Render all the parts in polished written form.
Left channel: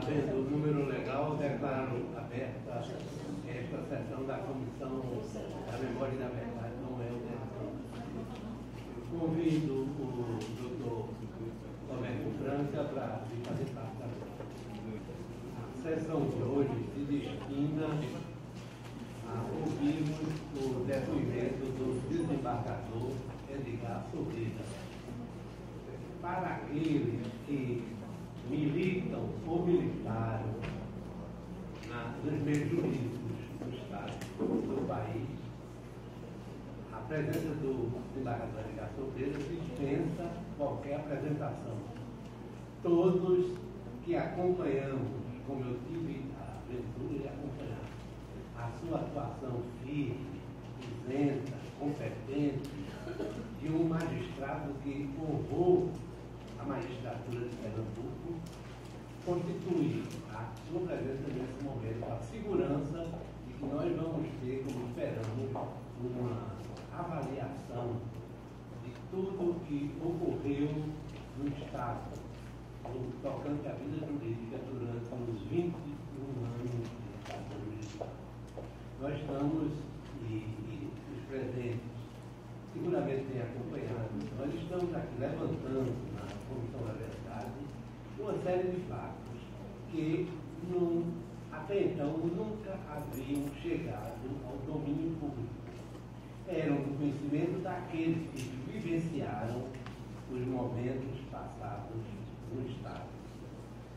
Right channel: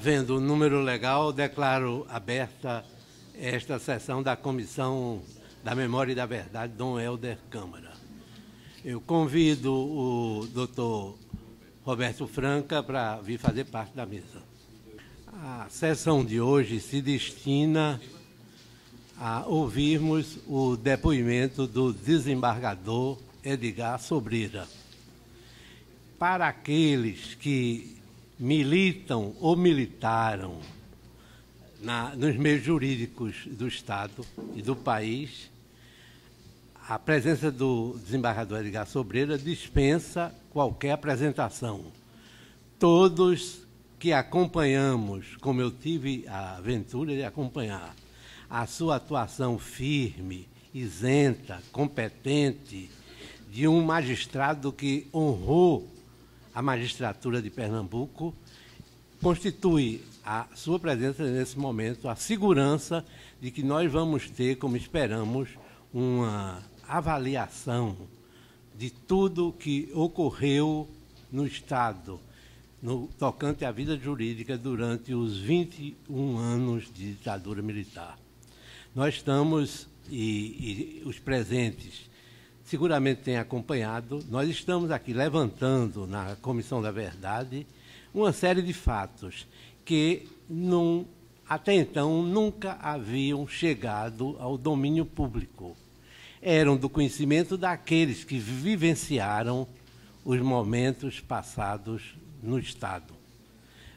Havendo um número legal, declaro aberta esta sessão da Comissão da Memória e da Verdade, Dom Helder Câmara. Eu convido o doutor Roberto Franca para vir fazer parte da mesa. A sessão de hoje se destina a ouvirmos o depoimento do desembargador Edgar Sobreira. Para aqueles que militam ou militaram nos meios jurídicos do Estado e do país, a presença do desembargador Edgar Sobreira dispensa qualquer apresentação. Todos que acompanhamos, como eu tive a aventura de acompanhar, a sua atuação firme, isenta, competente, de um magistrado que honrou a magistratura de Pernambuco, constitui a sua presença nesse momento a segurança de que nós vamos ter, como esperamos, uma avaliação de tudo que ocorreu no Estado, no tocante à vida jurídica durante os 21 anos de ditadura militar. Nós estamos, e os presentes seguramente têm acompanhado, nós estamos aqui levantando na Comissão da Verdade uma série de fatos que até então nunca haviam chegado ao domínio público. Eram do conhecimento daqueles que vivenciaram os momentos passados no Estado,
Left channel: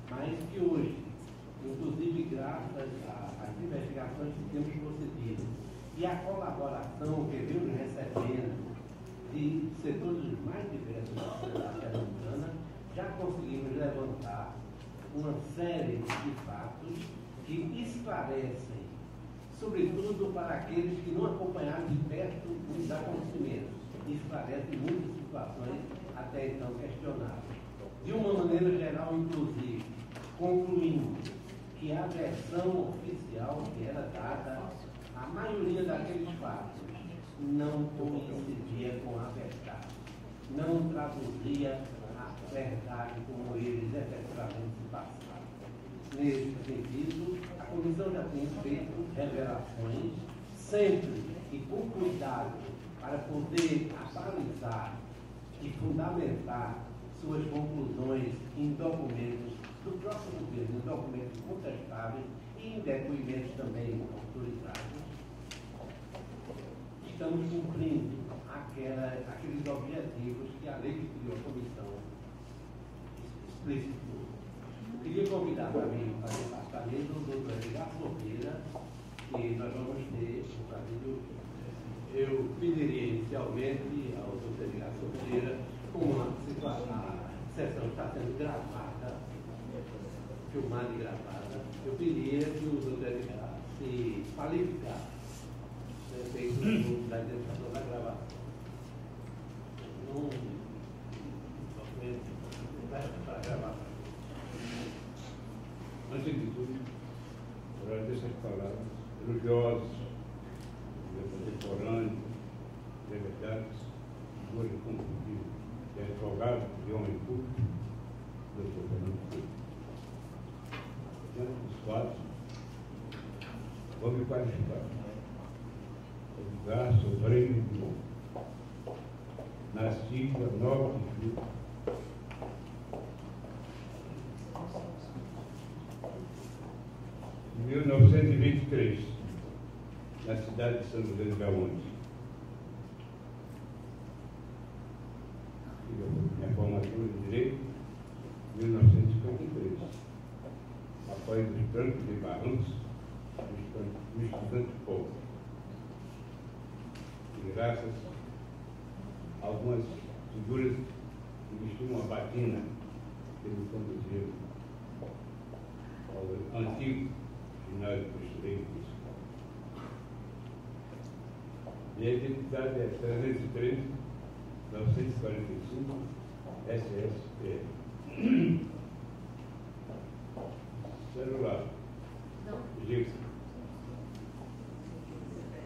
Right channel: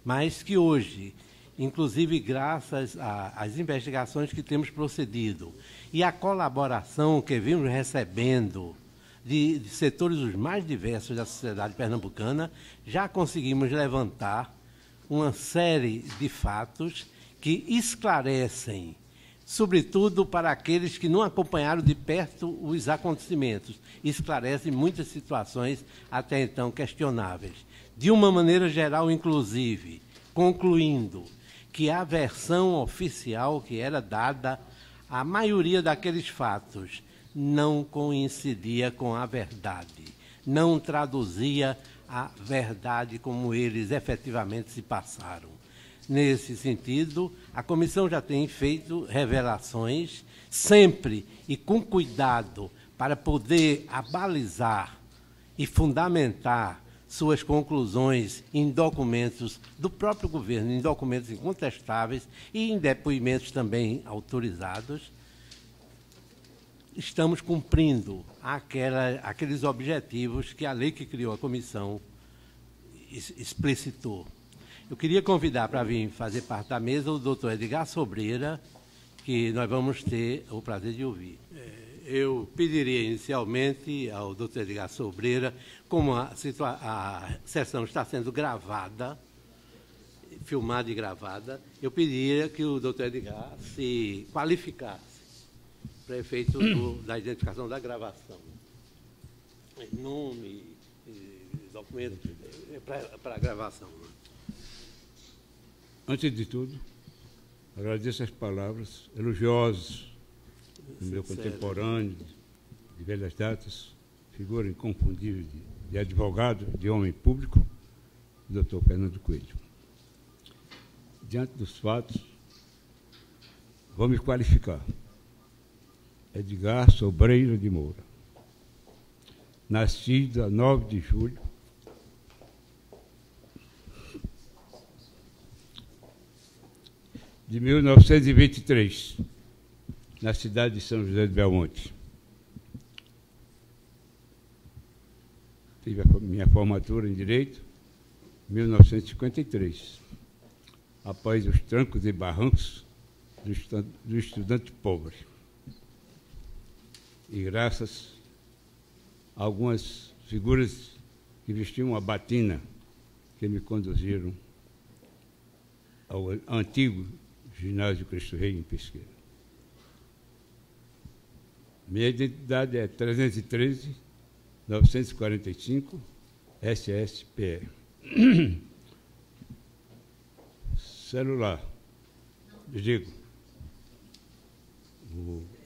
mas que hoje, inclusive graças às investigações que temos procedido e à colaboração que vimos recebendo de setores os mais diversos da sociedade pernambucana, já conseguimos levantar uma série de fatos que esclarecem, sobretudo para aqueles que não acompanharam de perto os acontecimentos, esclarecem muitas situações até então questionáveis. De uma maneira geral, inclusive, concluindo que a versão oficial que era dada, a maioria daqueles fatos não coincidia com a verdade, não traduzia a verdade como eles efetivamente se passaram. Nesse sentido, a comissão já tem feito revelações, sempre e com cuidado, para poder abalizar e fundamentar suas conclusões em documentos do próprio governo, em documentos incontestáveis e em depoimentos também autorizados. Estamos cumprindo aqueles objetivos que a lei que criou a comissão explicitou. Eu queria convidar para vir fazer parte da mesa o doutor Edgar Sobreira, que nós vamos ter o prazer de ouvir. Eu pediria inicialmente ao doutor Edgar Sobreira, como a sessão está sendo gravada, filmada e gravada, eu pediria que o doutor Edgar se qualificasse para efeito da identificação da gravação. Nome e documento para a gravação. Antes de tudo, agradeço as palavras elogiosas do meu contemporâneo, de velhas datas, figura inconfundível de advogado, de homem público, o doutor Fernando Coelho. Diante dos fatos, vou me qualificar. Edgar Sobreira de Moura, nascido a 9 de julho de 1923, na cidade de São José de Belmonte. Tive a minha formatura em Direito em 1953, após os trancos e barrancos do estudante pobre. E graças a algumas figuras que vestiam uma batina que me conduziram ao antigo ginásio Cristo Rei em Pesquisa. Minha identidade é 313-945 SSPR. Celular. Digo.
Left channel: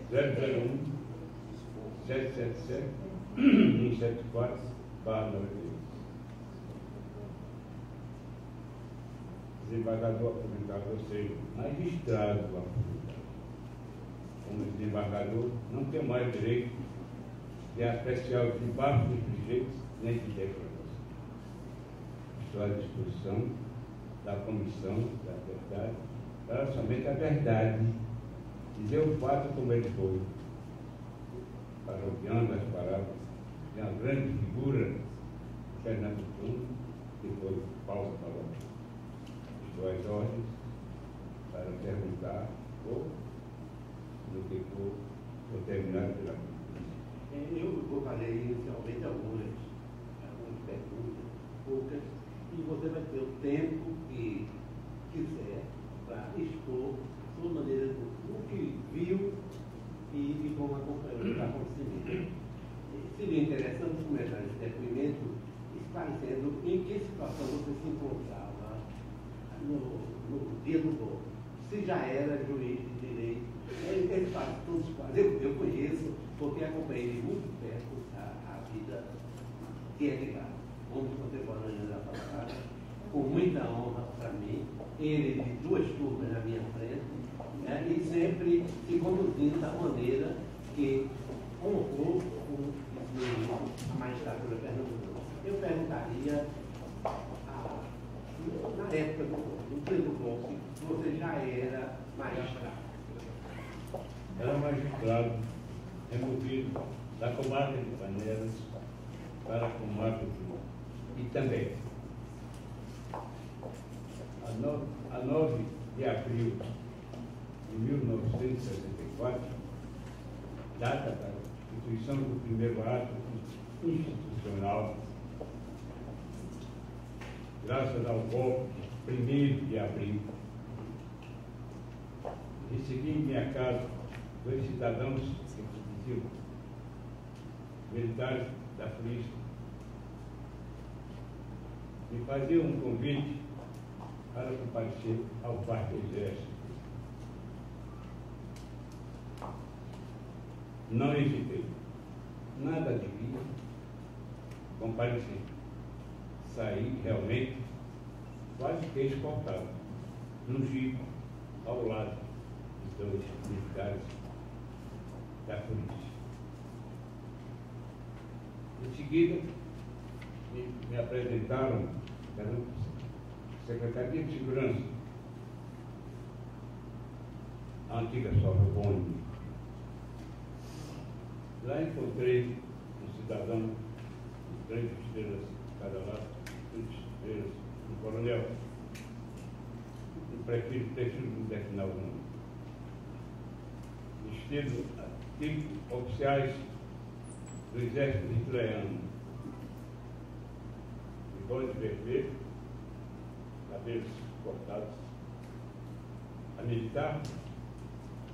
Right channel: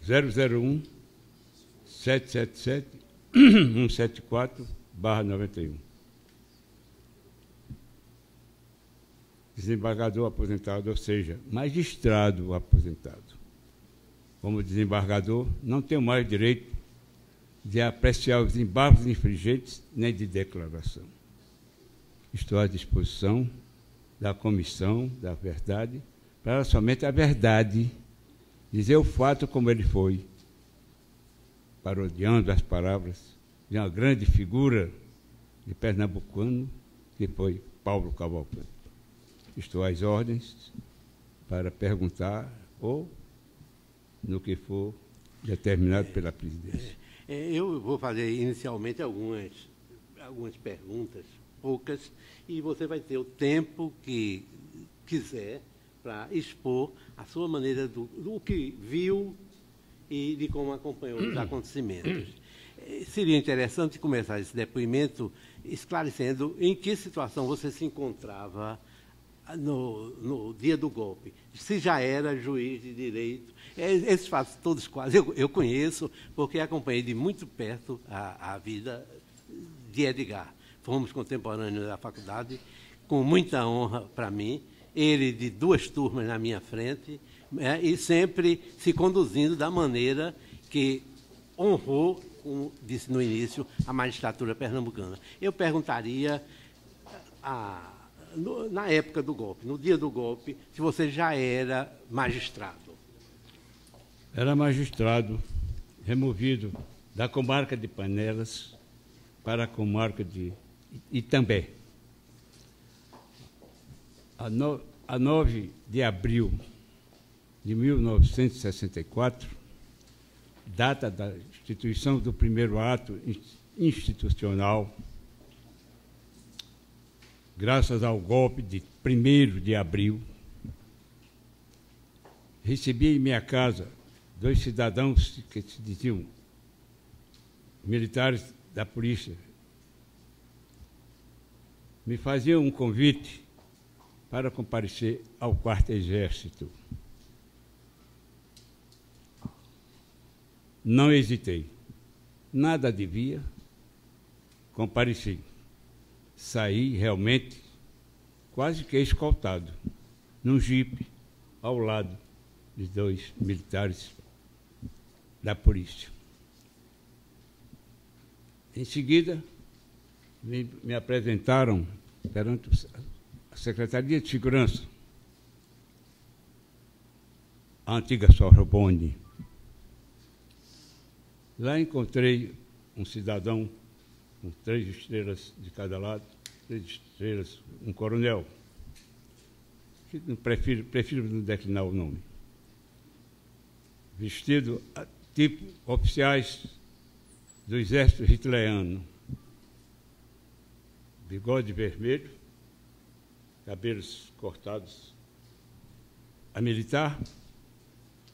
001-777-174/91. desembargador aposentado, ou seja, magistrado aposentado. Como desembargador, não tenho mais direito de apreciar os embargos infringentes nem de declaração. Estou à disposição da Comissão da Verdade para somente a verdade, dizer o fato como ele foi, parodiando as palavras de uma grande figura de pernambucano, que foi Paulo Cavalcante. Estou às ordens para perguntar ou no que for determinado pela presidência. Eu vou fazer inicialmente algumas perguntas, poucas, e você vai ter o tempo que quiser para expor a sua maneira do que viu e de como acompanhou os acontecimentos. Seria interessante começar esse depoimento esclarecendo em que situação você se encontrava no dia do golpe. Se já era juiz de direito. Esses fatos todos quase eu conheço, porque acompanhei de muito perto a vida de Edgar. Fomos contemporâneos da faculdade, com muita honra para mim, ele de 2 turmas na minha frente, né, e sempre se conduzindo da maneira que honrou, como disse no início, a magistratura pernambucana. Eu perguntaria, na época do golpe, no dia do golpe, se você já era magistrado. Era magistrado, removido da comarca de Panelas para a comarca de Itambé. A 9 de abril de 1964, data da instituição do primeiro ato institucional, graças ao golpe de 1º de abril, recebi em minha casa 2 cidadãos que se diziam militares da polícia. Me faziam um convite para comparecer ao 4º Exército. Não hesitei. Nada devia. Compareci. Saí realmente quase que escoltado, num jipe, ao lado de 2 militares da polícia. Em seguida, me apresentaram perante a Secretaria de Segurança, a antiga Sorbonne. Lá encontrei um cidadão com 3 estrelas de cada lado, 3 estrelas, um coronel, que prefiro não declinar o nome, vestido tipo oficiais do exército hitleriano, bigode vermelho, cabelos cortados. A militar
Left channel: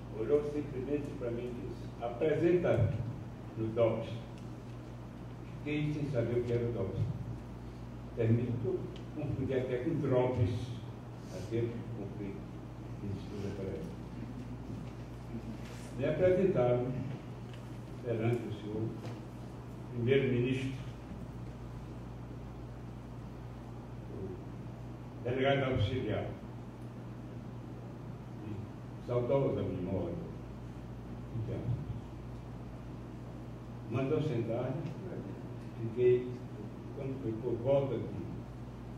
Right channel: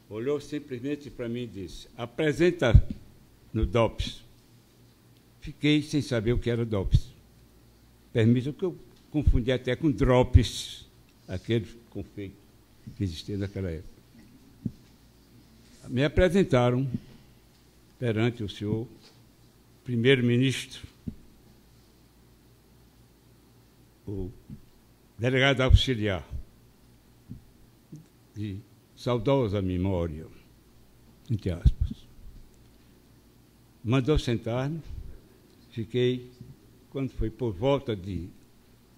olhou simplesmente para mim e disse: apresenta no DOPS. Fiquei sem saber o que era DOPS. Permita que eu confundi até com DROPS, aquele conflito que existia naquela época. Me apresentaram perante o senhor primeiro-ministro, o delegado auxiliar, de saudosa memória, entre aspas. Mandou sentar-me, fiquei, quando foi por volta de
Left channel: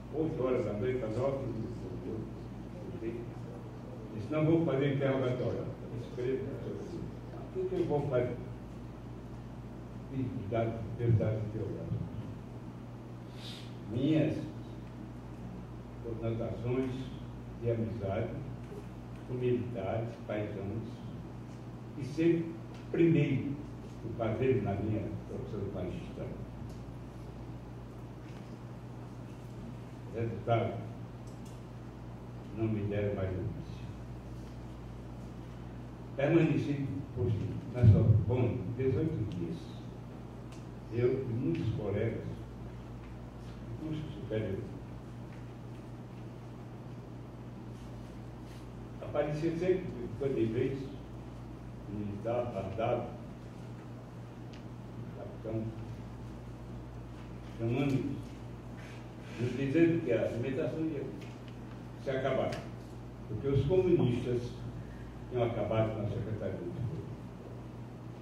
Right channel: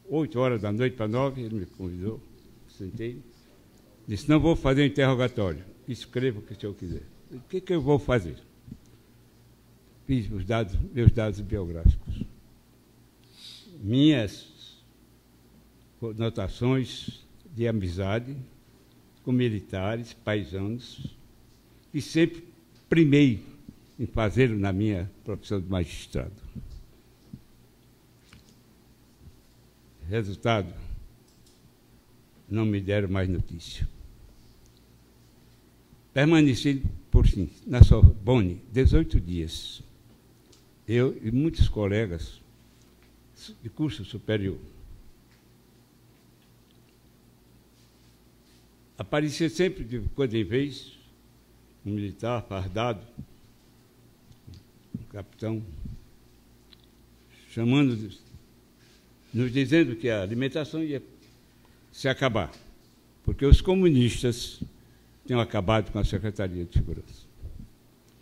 8 horas da noite para 9, ele me convidou, sentei, disse: não vou fazer interrogatório, escreva o que o senhor quiser. O que eu vou fazer? Fiz meus dados biográficos. Minhas conotações de amizade com militares, paisanos, e sempre primei em fazê-lo na minha profissão de magistrado. Resultado, não me deram mais notícia. Permaneci, por fim, na Sorbonne 18 dias. Eu e muitos colegas de curso superior. Aparecia sempre, de quando em vez, um militar fardado, um capitão, chamando-nos, nos dizendo que a alimentação ia se acabar, porque os comunistas tinham acabado com a Secretaria de Segurança.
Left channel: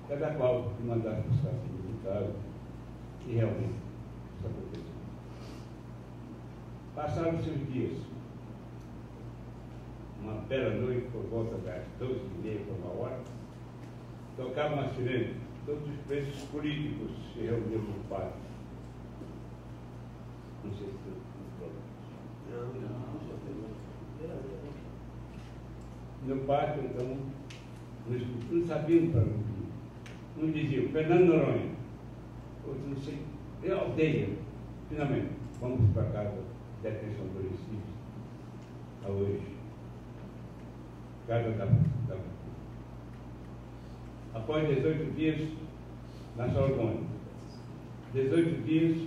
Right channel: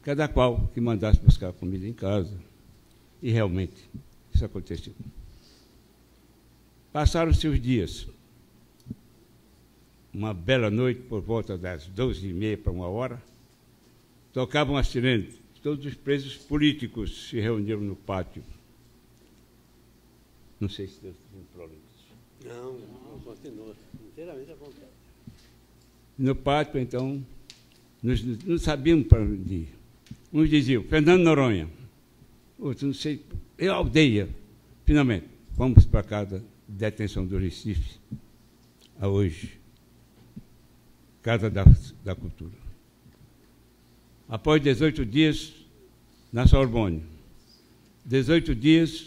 Cada qual que mandasse buscar comida em casa, e realmente isso aconteceu. Passaram-se os dias. Uma bela noite, por volta das 12h30 para 1h, tocavam a sirene. Todos os presos políticos se reuniram no pátio. Não sei se tem problemas. Não, inteiramente acontece. No pátio, então, não sabíamos para onde ir. Uns diziam, Fernando Noronha. Outros, não sei, é a aldeia. Finalmente, fomos para a casa de detenção do Recife, a hoje, Casa da Cultura. Após 18 dias, na Sorbonne, 18 dias,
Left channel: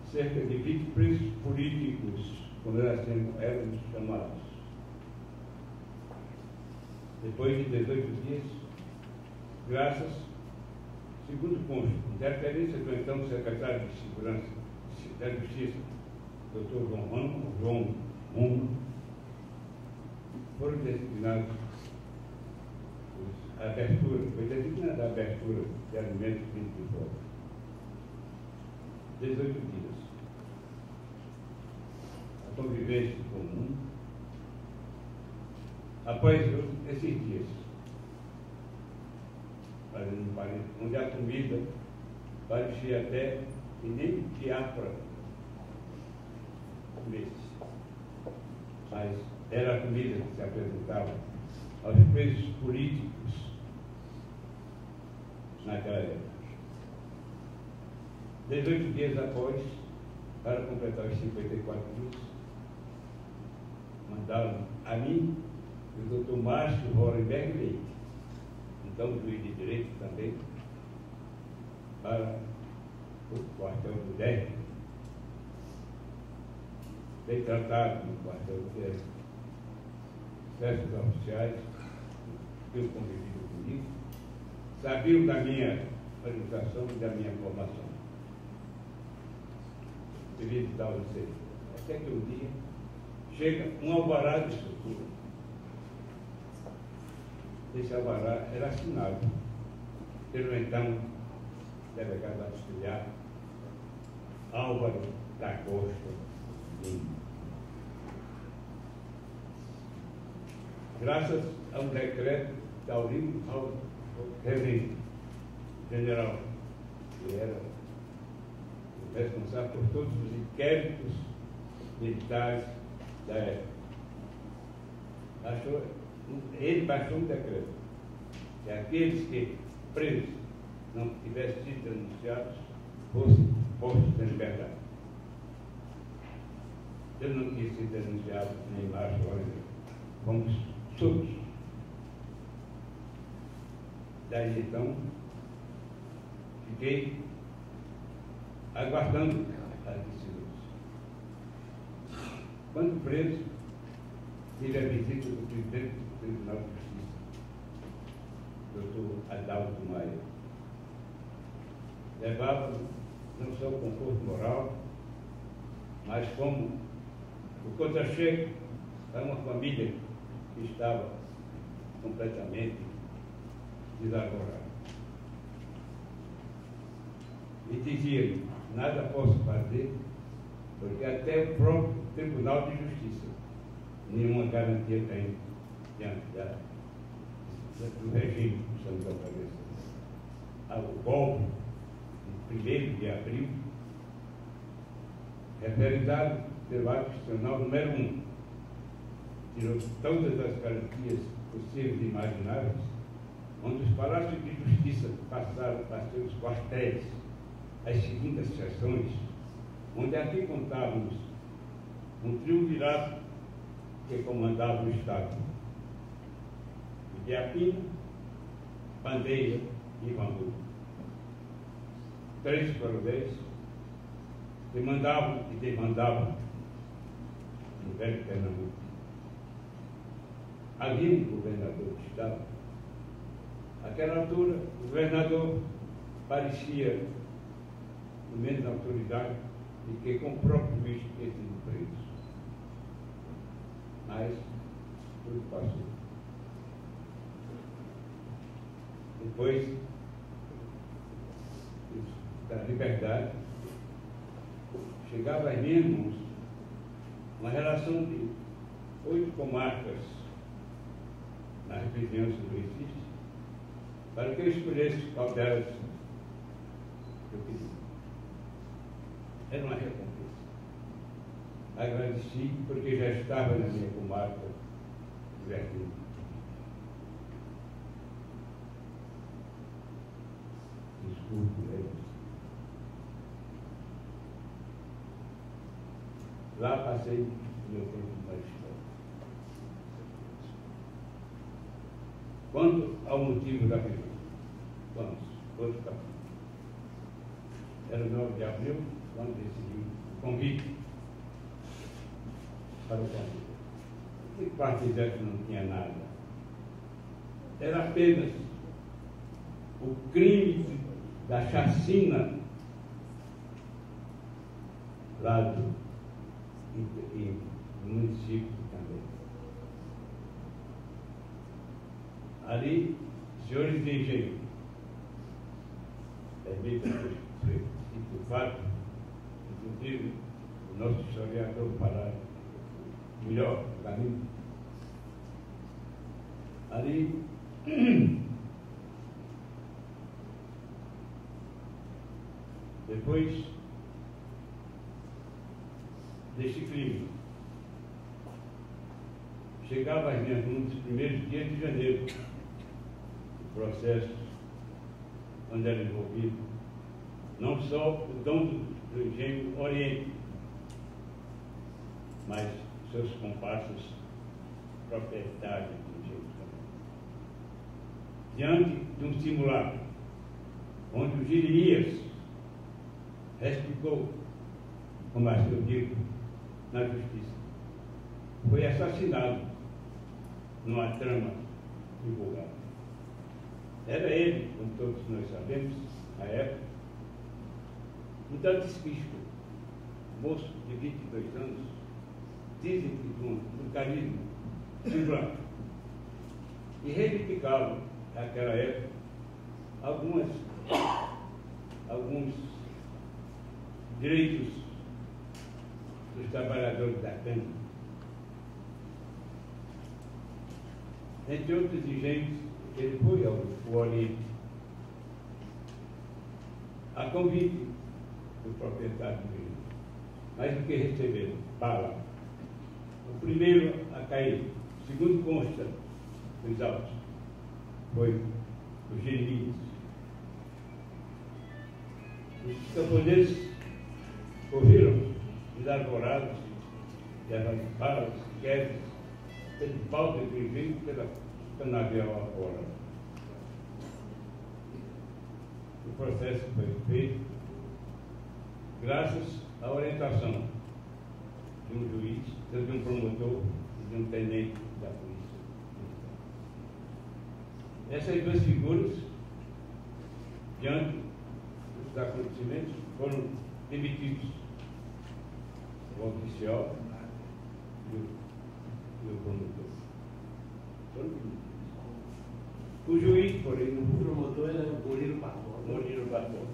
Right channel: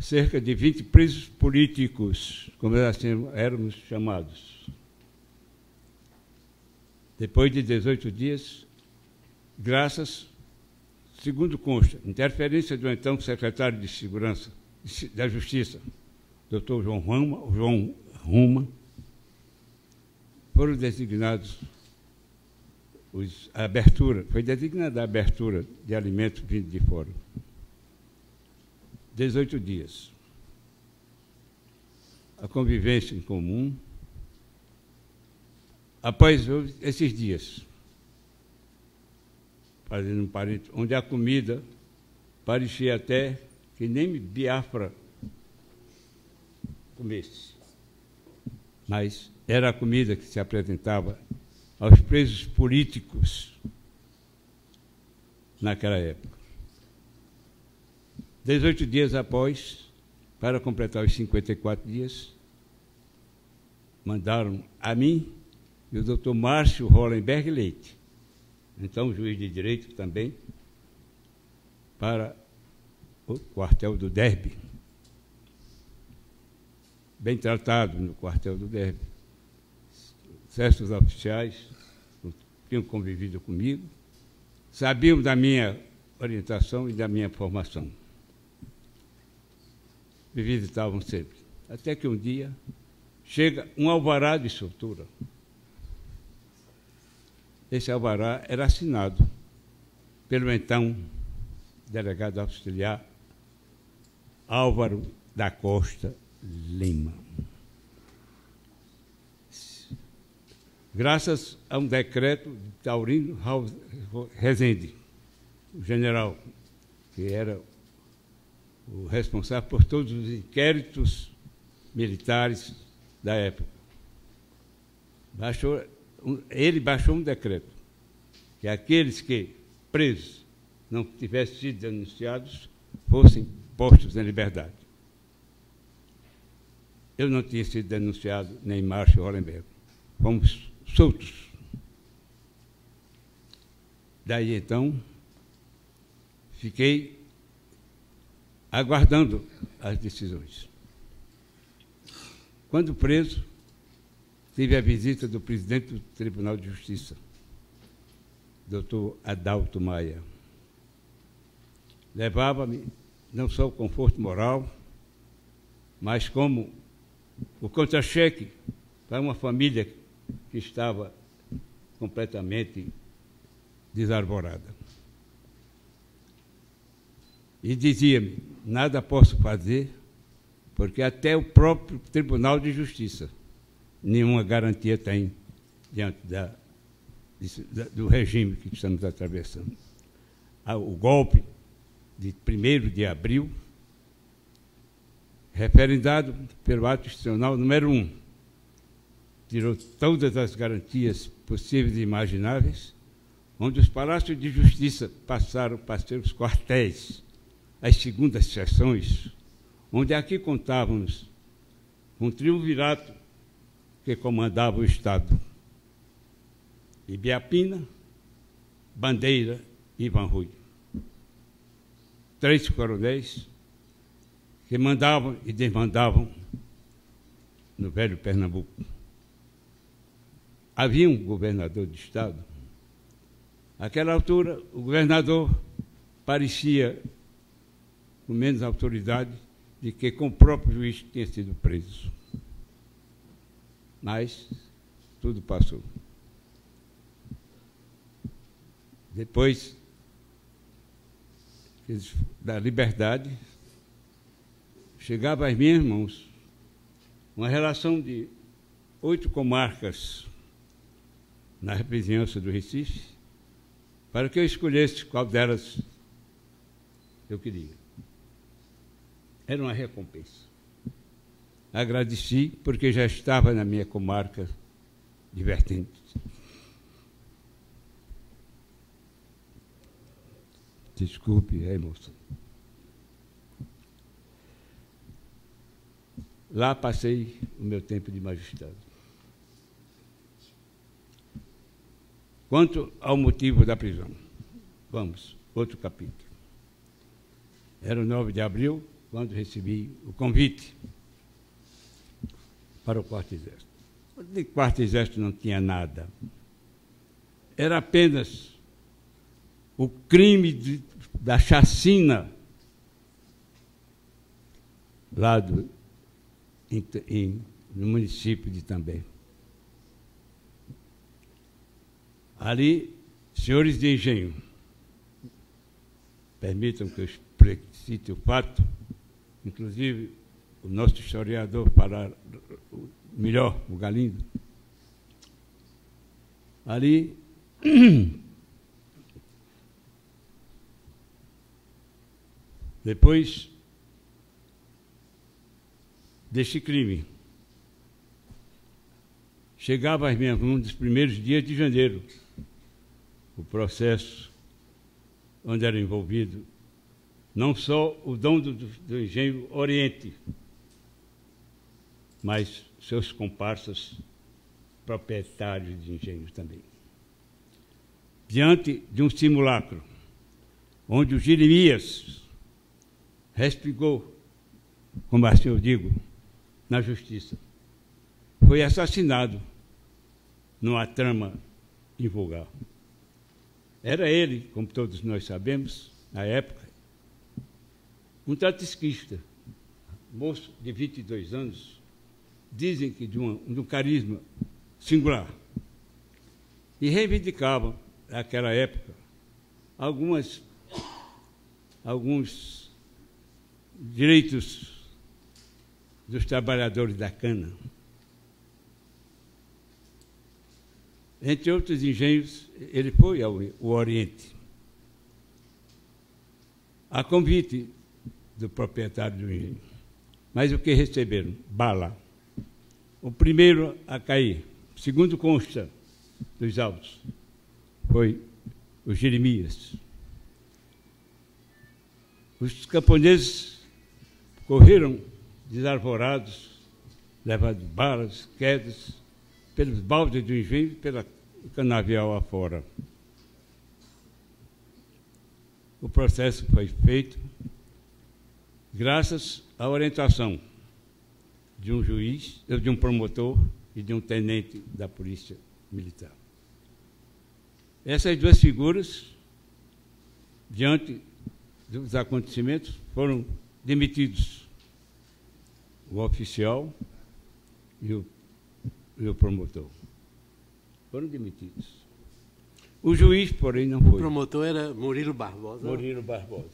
cerca de 20 presos políticos, como assim éramos chamados. Depois de 18 dias, graças, segundo consta, interferência do então secretário de Segurança da Justiça, Dr. João Ruma, foram designados a abertura, foi designada a abertura de alimentos vindos de fora. 18 dias. A convivência em comum. Após esses dias, fazendo um parênteses, onde a comida parecia até que nem Biafra comesse. Mas era a comida que se apresentava aos presos políticos naquela época. 18 dias após, para completar os 54 dias, mandaram a mim e o doutor Márcio Hollenberg Leite, então juiz de direito também, para o quartel do Derby. Bem tratado no quartel do Derby. Certos oficiais tinham convivido comigo, sabiam da minha orientação e da minha formação. Me visitavam sempre. Até que um dia chega um alvará de soltura. Esse alvará era assinado pelo então delegado auxiliar Álvaro da Costa Lima. Graças a um decreto de Taurino Rezende, o general, que era o responsável por todos os inquéritos militares da época. Ele baixou um decreto que aqueles que presos não tivessem sido denunciados fossem postos em liberdade. Eu não tinha sido denunciado, nem Márcio Hollenberg. Fomos soltos. Daí, então, fiquei aguardando as decisões. Quando preso, tive a visita do presidente do Tribunal de Justiça, Dr. Adalto Maia. Levava-me não só o conforto moral, mas como o contra-cheque para uma família que estava completamente desarvorada. E dizia-me, nada posso fazer, porque até o próprio Tribunal de Justiça nenhuma garantia tem diante do regime que estamos atravessando. O golpe de 1º de abril, referendado pelo ato institucional número 1, tirou todas as garantias possíveis e imagináveis, onde os palácios de justiça passaram para ser os quartéis, as segundas sessões, onde aqui contávamos um triunvirato que comandava o Estado. Ibiapina, Bandeira e Ivan Rui. 3 coronéis que mandavam e desmandavam no velho Pernambuco. Havia um governador de Estado. Naquela altura, o governador parecia com menos autoridade de que com o próprio juiz tinha sido preso. mas tudo passou. Depois da liberdade, chegava às minhas mãos uma relação de 8 comarcas na vizinhança do Recife, para que eu escolhesse qual delas eu queria. Era uma recompensa. Agradeci, porque já estava na minha comarca divertindo. Desculpe a emoção. Lá passei o meu tempo de magistério. Quanto ao motivo da prisão, vamos, outro capítulo. Era o 9 de abril, quando recebi o convite para o quarto exército. De quarto exército não tinha nada. Era apenas o crime da chacina lá no município de Itambé. Ali, senhores de engenho, permitam que eu cite o fato, inclusive o nosso historiador falar melhor, o Galindo. Ali, depois deste crime, chegava às minhas mãos nos primeiros dias de janeiro, o processo onde era envolvido não só o dono do engenho Oriente, mas seus comparsas proprietários de engenhos também. Diante de um simulacro, onde o Jeremias respingou, como assim eu digo, na justiça, foi assassinado numa trama invulgar. Era ele, como todos nós sabemos, na época, um trotskista, moço de 22 anos, dizem que de um carisma singular, e reivindicava, naquela época, alguns direitos dos trabalhadores da cana. Entre outros engenhos, ele foi ao Oriente, a convite do proprietário do engenho. Mas o que receberam? Bala. O primeiro a cair, segundo consta dos autos, foi o Jeremias. Os camponeses correram desarvorados, levando balas, quedas, pelos baldes do engenho e pela canavial afora. O processo foi feito graças à orientação de um juiz, de um promotor e de um tenente da Polícia Militar. Essas duas figuras, diante dos acontecimentos, foram demitidos. O oficial e o promotor foram demitidos. O juiz, porém, não foi. O promotor era Murilo Barbosa. Murilo Barbosa.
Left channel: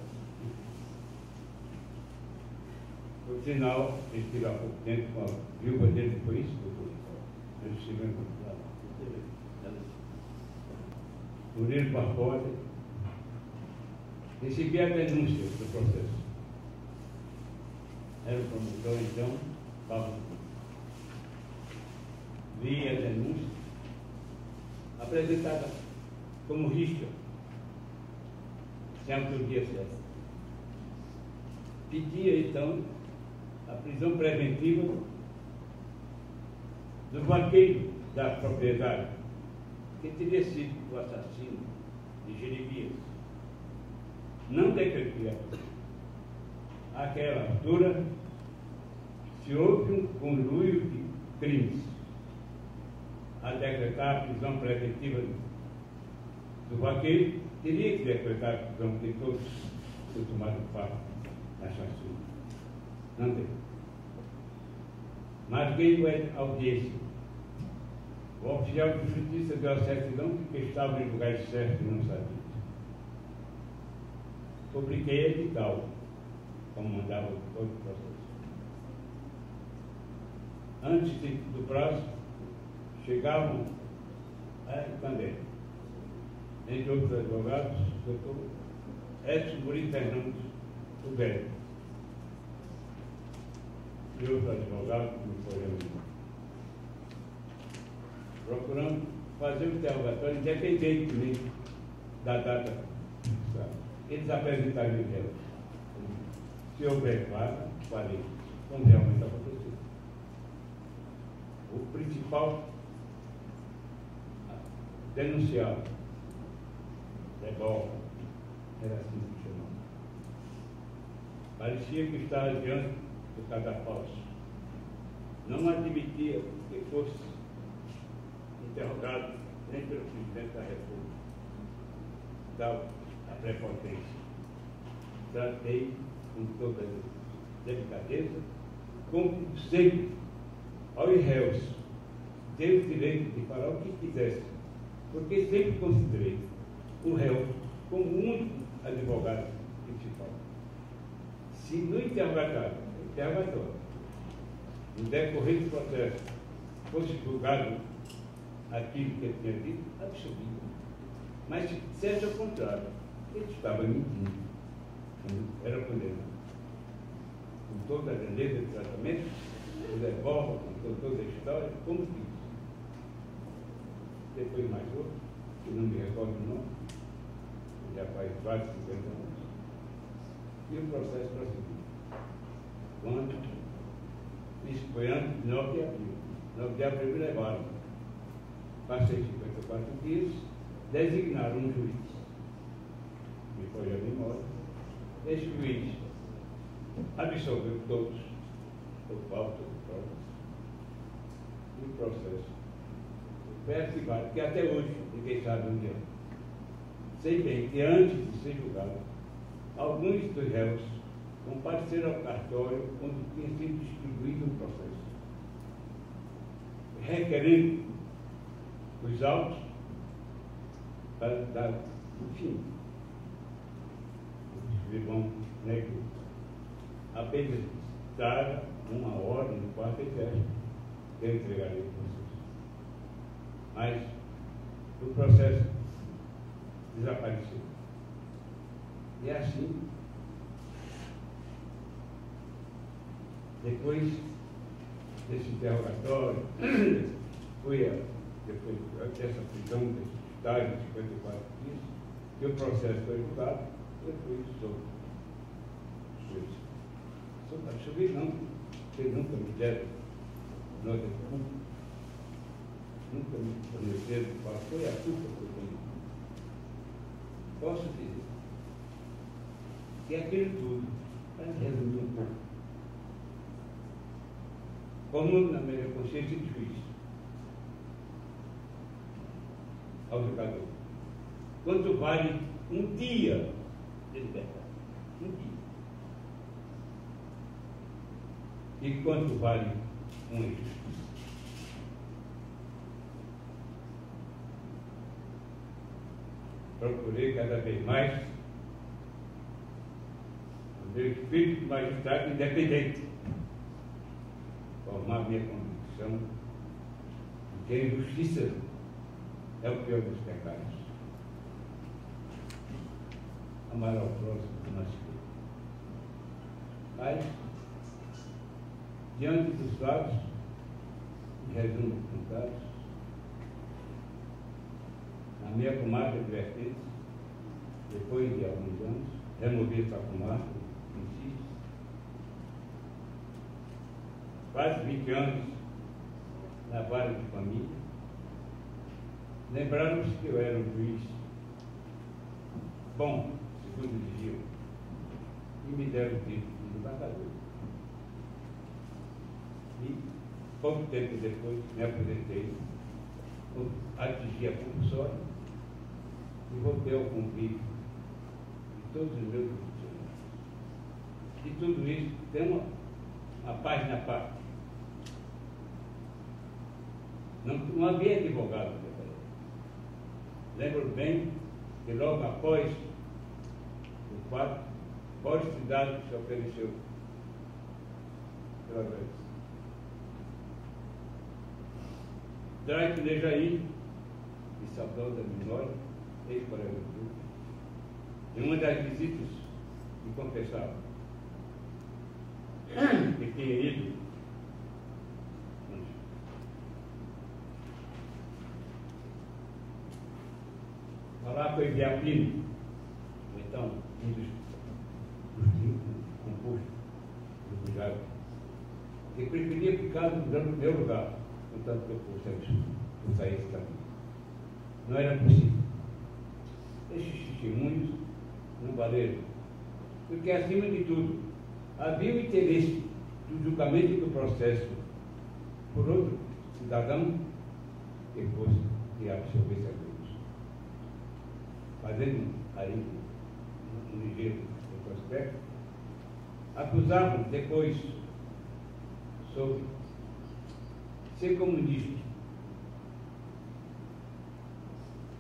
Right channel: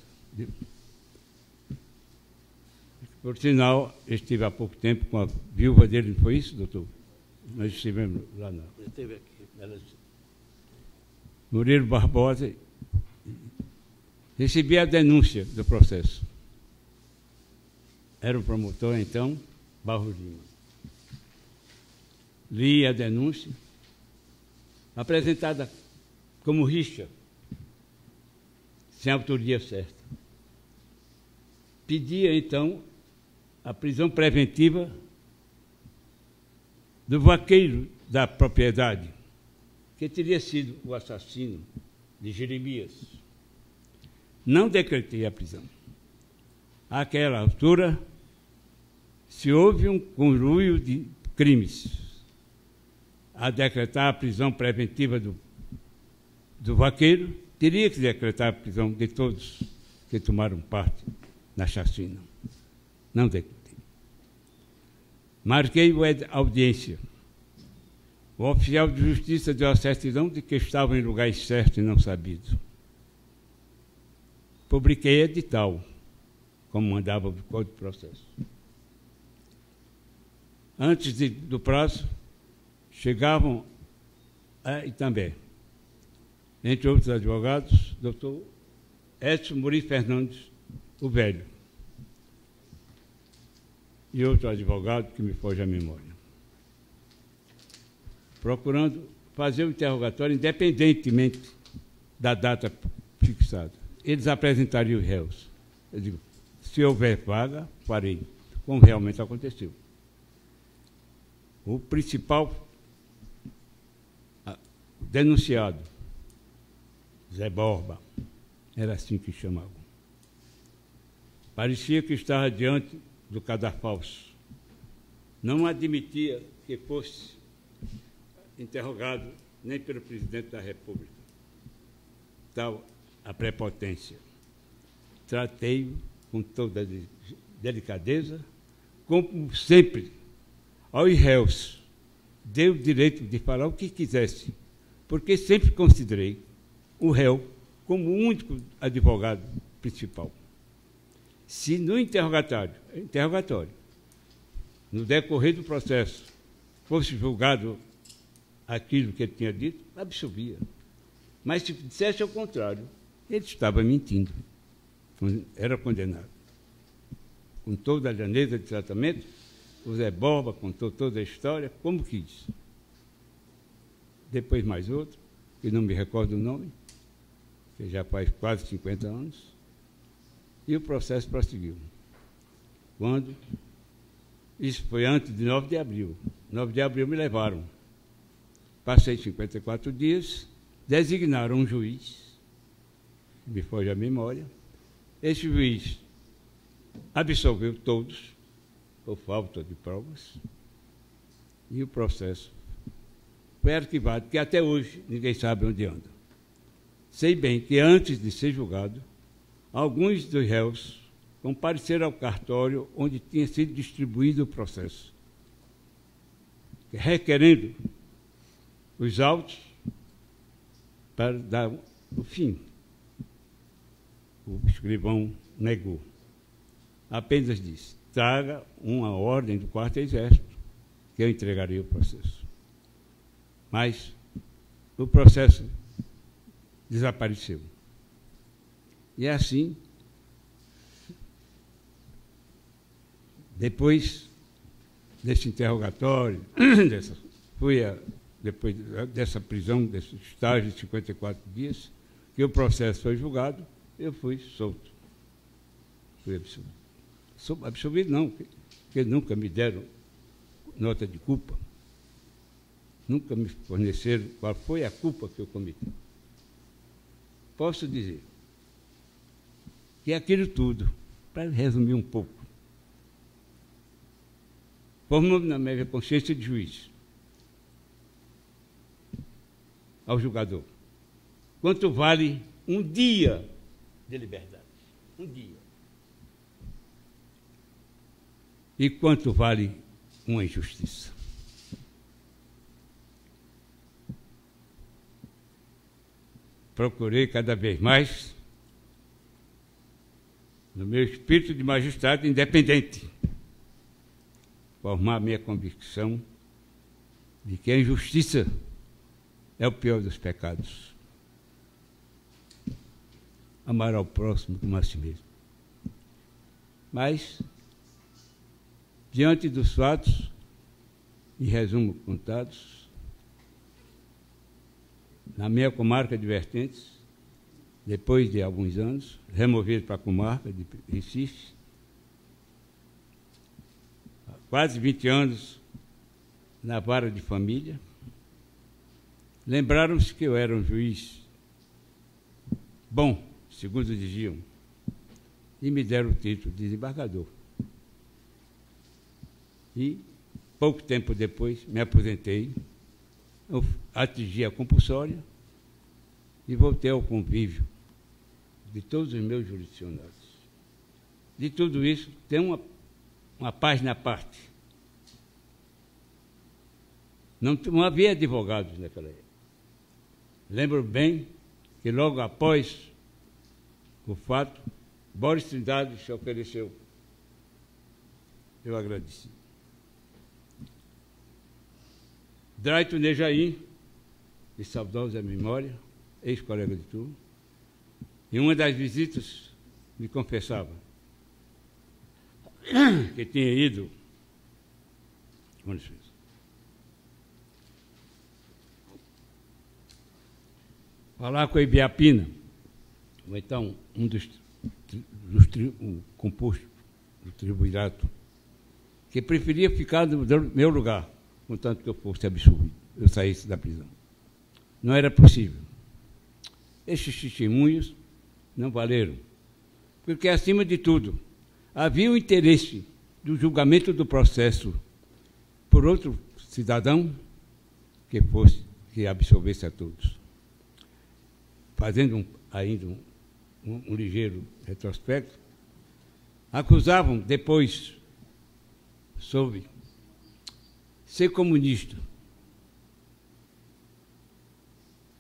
Por sinal, eu estive há pouco tempo com a viúva dele, não foi isso, doutor? Nós estivemos lá, não. Eu esteve aqui. Murilo Barbosa recebia a denúncia do processo. Era o promotor, então, Barro Júnior. Lia a denúncia, apresentada como rixa, sem autoria certa. Pedia, então, a prisão preventiva do vaqueiro da propriedade, que teria sido o assassino de Jeremias. Não decretei a prisão. Àquela altura, se houve um conluio de crimes a decretar a prisão preventiva do vaqueiro, teria que decretar a prisão de todos que tomaram parte na chacina. Não decretei. Marquei a audiência O oficial de justiça deu a certidão de que estavam em lugares certos e não sabidos. Publiquei edital, como mandava o Código de Processo. Antes do prazo, chegavam e também, entre outros advogados, o doutor Edson Muri Fernandes, o velho, e outro advogado que me foge à memória, procurando fazer um interrogatório independentemente da data fixada. Eles apresentariam os réus. Eu digo, se houver vaga, farei, como realmente aconteceu. O principal denunciado, Zé Borba, era assim que chamava. Parecia que estava diante do cadafalso. Não admitia que fosse interrogado nem pelo presidente da República. Tal a prepotência. Tratei com toda delicadeza, como sempre, aos réus, dei o direito de falar o que quisesse, porque sempre considerei o réu como o único advogado principal. Se no interrogatório, no decorrer do processo, fosse julgado aquilo que ele tinha dito, absolvia. Mas se dissesse ao contrário, ele estava mentindo, era condenado. Com toda a lhaneza de tratamento, o Zé Borba contou toda a história, como quis. Depois mais outro, que não me recordo o nome, que já faz quase 50 anos, e o processo prosseguiu. Quando? Isso foi antes de 9 de abril. 9 de abril me levaram. Passei 54 dias, designaram um juiz, me foge a memória. Esse juiz absolveu todos, por falta de provas, e o processo foi arquivado, que até hoje ninguém sabe onde anda. Sei bem que antes de ser julgado, alguns dos réus compareceram ao cartório onde tinha sido distribuído o processo, requerendo os autos para dar o fim. O escrivão negou. Apenas disse, traga uma ordem do Quarto Exército, que eu entregarei o processo. Mas o processo desapareceu. E assim, depois desse interrogatório, depois dessa prisão, desse estágio de 54 dias, que o processo foi julgado, eu fui solto. Fui absolvido. Absolvido não, porque nunca me deram nota de culpa. Nunca me forneceram qual foi a culpa que eu cometi. Posso dizer que aquilo tudo, para resumir um pouco, formou na minha consciência de juiz ao julgador. Quanto vale um dia de liberdade? Um dia. E quanto vale uma injustiça? Procurei cada vez mais, no meu espírito de magistrado independente, formar minha convicção de que a injustiça é o pior dos pecados. Amar ao próximo como a si mesmo. Mas, diante dos fatos, em resumo contados, na minha comarca de Vertentes, depois de alguns anos, removido para a comarca de Recife, quase 20 anos na vara de família, lembraram-se que eu era um juiz bom, segundo diziam, e me deram o título de desembargador. E, pouco tempo depois, me aposentei, atingi a compulsória e voltei ao convívio de todos os meus jurisdicionados. De tudo isso, tem uma página à parte. Não havia advogados naquela época. Lembro bem que logo após o fato, Boris Trindade se ofereceu. Eu agradeci. Drayton Nejaim, de saudosa memória, ex-colega de turma, em uma das visitas me confessava que tinha ido falar com a Ibiapina, então um dos compostos do triunvirato, que preferia ficar no meu lugar, contanto que eu fosse absurdo, eu saísse da prisão. Não era possível. Estes testemunhos não valeram, porque, acima de tudo, havia o interesse do julgamento do processo por outro cidadão que absolvesse a todos. Fazendo ainda um ligeiro retrospecto, acusavam depois, soube, ser comunista,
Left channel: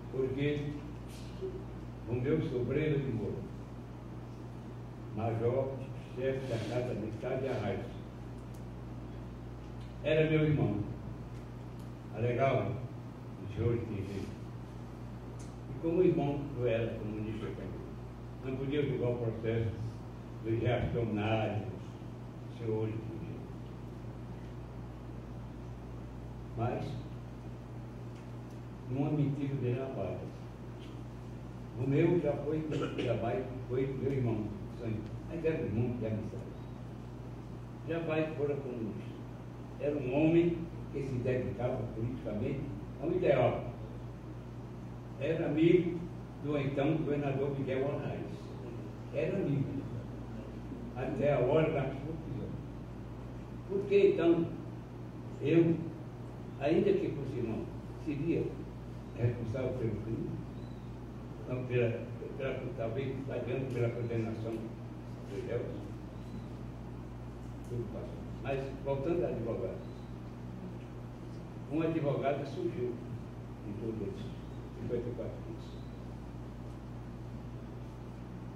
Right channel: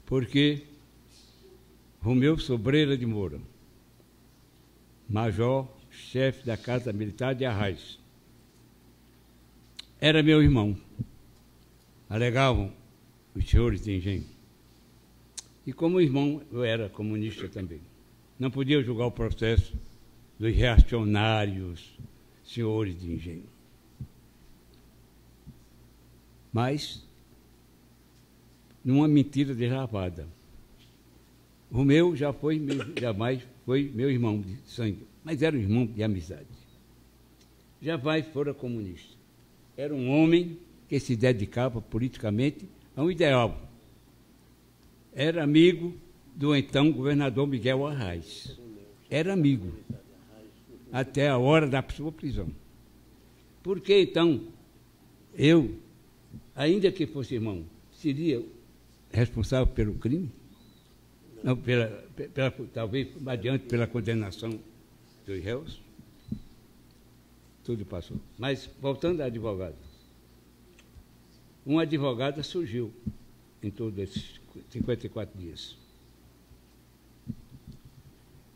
porque Romeu Sobreira de Moura, major, chefe da Casa Militar de Arraiz, era meu irmão, alegavam os senhores de engenho. E como irmão, eu era comunista também. Não podia julgar o processo dos reacionários senhores de engenho. Mas, numa mentira deslavada. O meu jamais foi meu irmão de sangue, mas era um irmão de amizade. Jamais fora comunista. Era um homem que se dedicava politicamente a um ideal. Era amigo do então governador Miguel Arraes. Era amigo, até a hora da sua prisão. Por que, então, eu, ainda que fosse irmão, seria responsável pelo crime? Não, talvez adiante pela condenação dos réus? Tudo passou. Mas, voltando à advogada, uma advogada surgiu em todos esses 54 dias.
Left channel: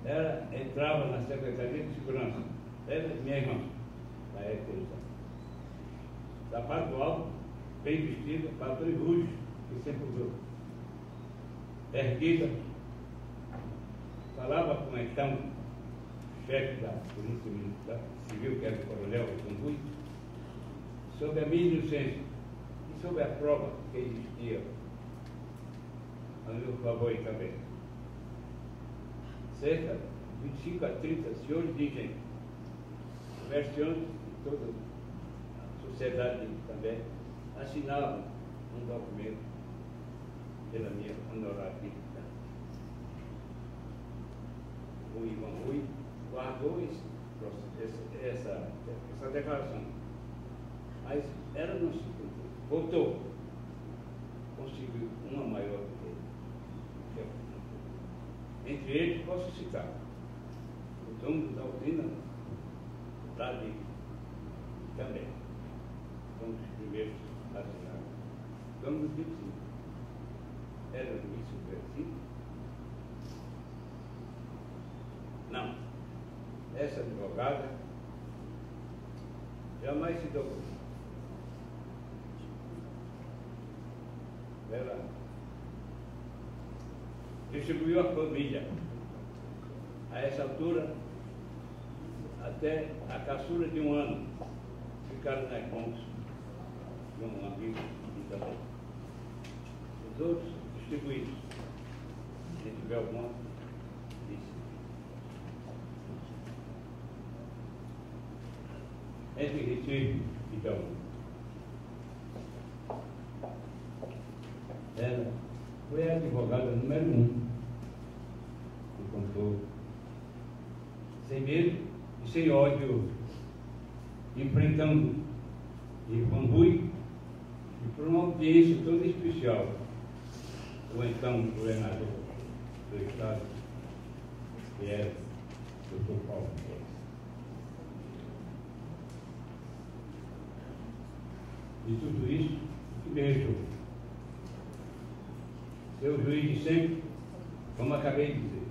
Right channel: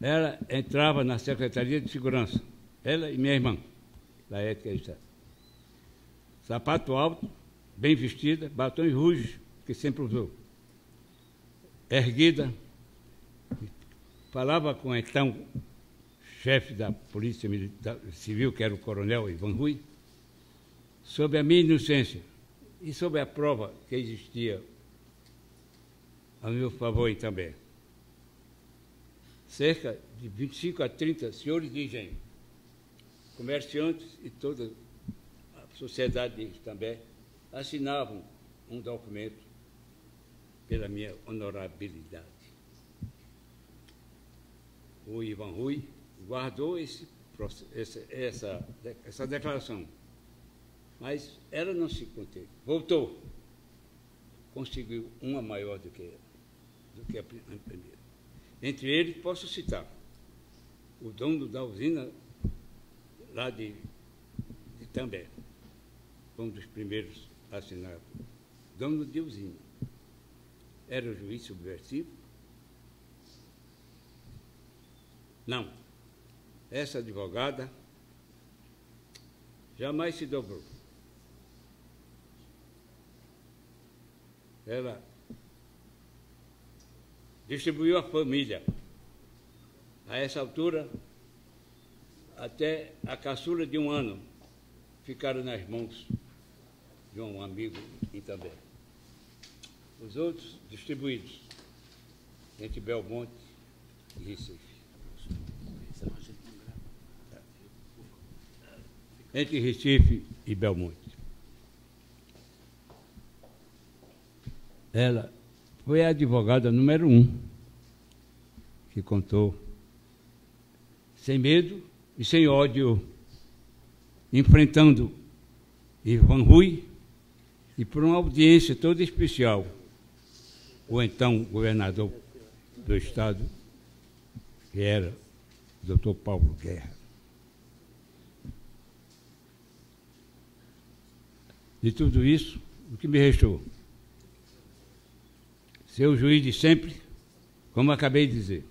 Ela entrava na Secretaria de Segurança, ela e minha irmã, da Ética e Estado. Sapato alto, bem vestida, batons rujos, que sempre usou. Erguida, falava com o então chefe da Polícia Militar Civil, que era o coronel Ivan Rui, sobre a minha inocência e sobre a prova que existia a meu favor também. Cerca de 25 a 30 senhores de engenho, comerciantes e toda a sociedade também, assinavam um documento pela minha honorabilidade. O Ivan Rui guardou essa declaração, mas ela não se conteve. Voltou, conseguiu uma maior do que a primeira. Entre eles, posso citar o dono da usina lá de Itambé, um dos primeiros a assinar, dono de usina. Era juiz subversivo? Não. Essa advogada jamais se dobrou. Ela distribuiu a família. A essa altura, até a caçula de 1 ano ficaram nas mãos de um amigo e também. Os outros distribuídos entre Belmonte e Recife. Entre Recife e Belmonte. Ela foi a advogada número 1 que contou, sem medo e sem ódio, enfrentando Ivan Rui e por uma audiência toda especial, o então governador do estado, que era o Dr. Paulo Guerra. De tudo isso, o que me restou? Ser o juiz de sempre, como acabei de dizer,